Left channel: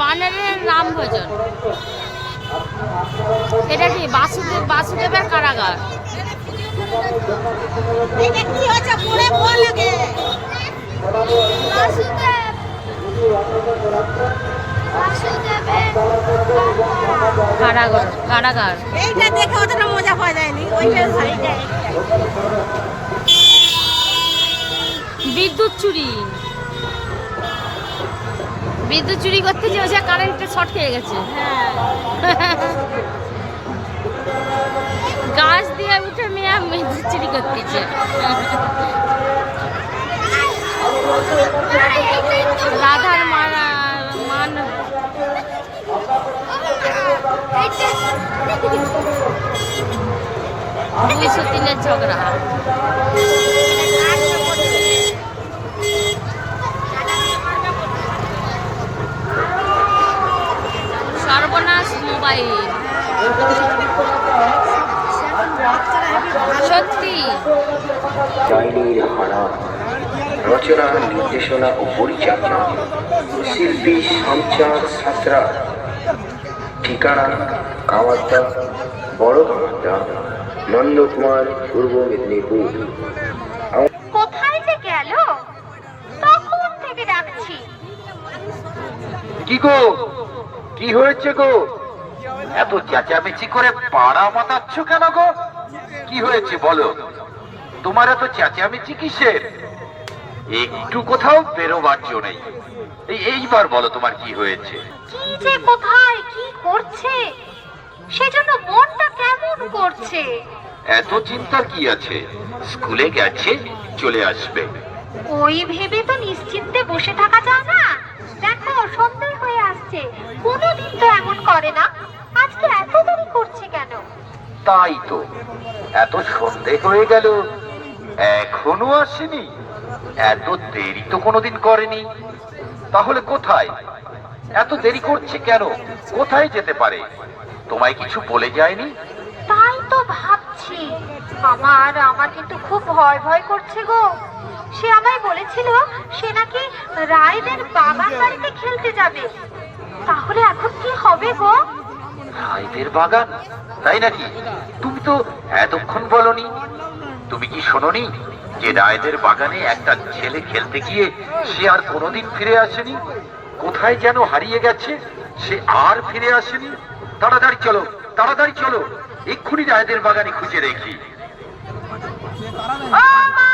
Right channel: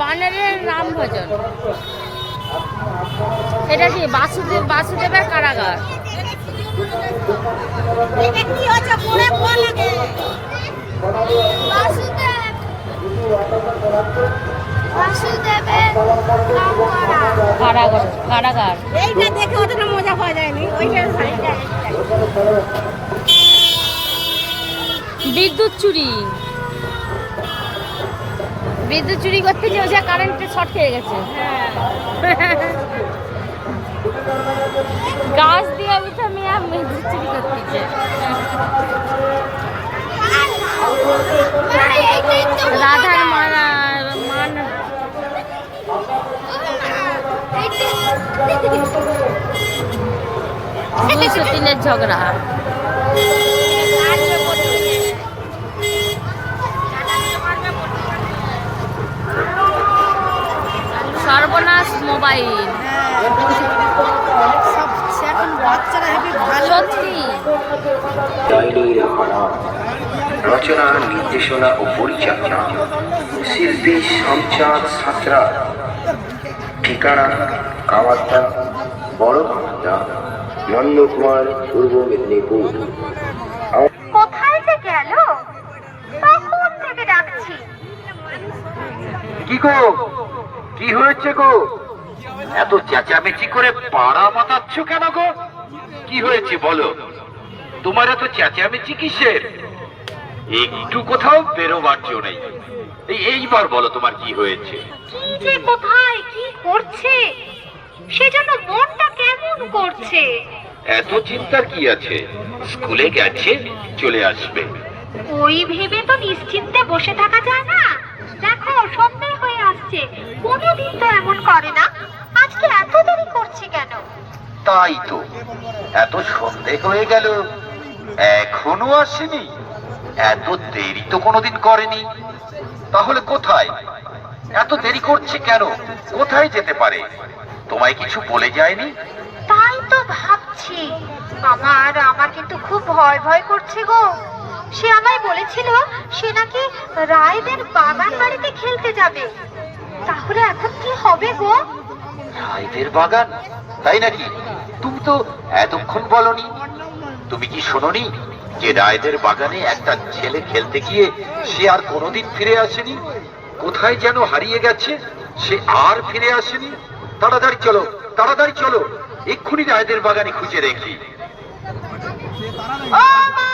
বানরের রাম ভজন। এটা কি বাসুদেবের কারাগার। কারাগার এইটা দেখে অতটা মজা পাওয়া যায়নি, ওইটা ভাই যায়। বিদ্যুৎ চুরি করতে যে ওই কারেন্টের শর্ট খেয়ে গেছে। গাছ দিয়ে উঠে মেয়ে বিদ্যুৎ চুরি করতেছে। রাধার মান তিলের ঝগড়া। সর্বনাশ মোবাইল। সত্যি রচনা, নির্দেশনা ও পরিচালনা শিল্পী সঞ্চার সাঁতরা। ঠিকানা কামারদা, বড় কামারদা, নন্দকুমার, পূর্ব মেদিনীপুর। কোথায় যে গেল? তখন থেকে ডাকছি। কি গো, কি হয়েছে গো? এত চেঁচামেচি করে পাড়া মাতাচ্ছ কেন গো? কি হয়েছে বলো? তোমার এত চেঁচামেচি কিসের? একটু কোথাও বেরোবার জো নেই। এইবার বলো তোমার কি হয়েছে? কি যে কোথায় কি করছে, সেজন্য মনটা কেমন করছে। এত চিন্তার কি আছে? স্কুলে গেছে, চলে আসবে। ওই ভেবে তো নিশ্চিন্তে বসে থাকা যায় না। দেখো সন্দেহ হয়ে আসছে, কোনোদিন তো এমন করে না, আজকে এত দেরি করছে কেন? তাই তো, এত সন্দেহ হয়ে গেল, এখনো আসেনি। এত দেরি তো কোনোদিন করেনি। তাহলে কোথায়? এত দেরি করছে কেন? কোথায় যেতে পারে? তোমায় কিছু বলে যায়নি? তাই তো ভাবছি, আমার কিন্তু খুব ভয় করছে গো। সে আমায় বলেছিল সে নাকি রায়দের বাগান বাড়িতে খেলতে যাবে। তাহলে এখন কি হবে গো? রায়দের বাগান? তাই নাকি? তুমি তো এতক্ষণ বলনি। তুমি কি শোনোনি যে রায়দের বাগানে একটা ছেলে খেলতে গিয়ে সে আর কোনোদিন ফিরে আসেনি? কোথায় যেন হারিয়ে গেছে, সে আর ফিরে আসেনি। তাড়াতাড়ি চলো, তাড়াতাড়ি চলো, এক্ষুনি রায়দের বাগানে খুঁজে দেখি। ও মা!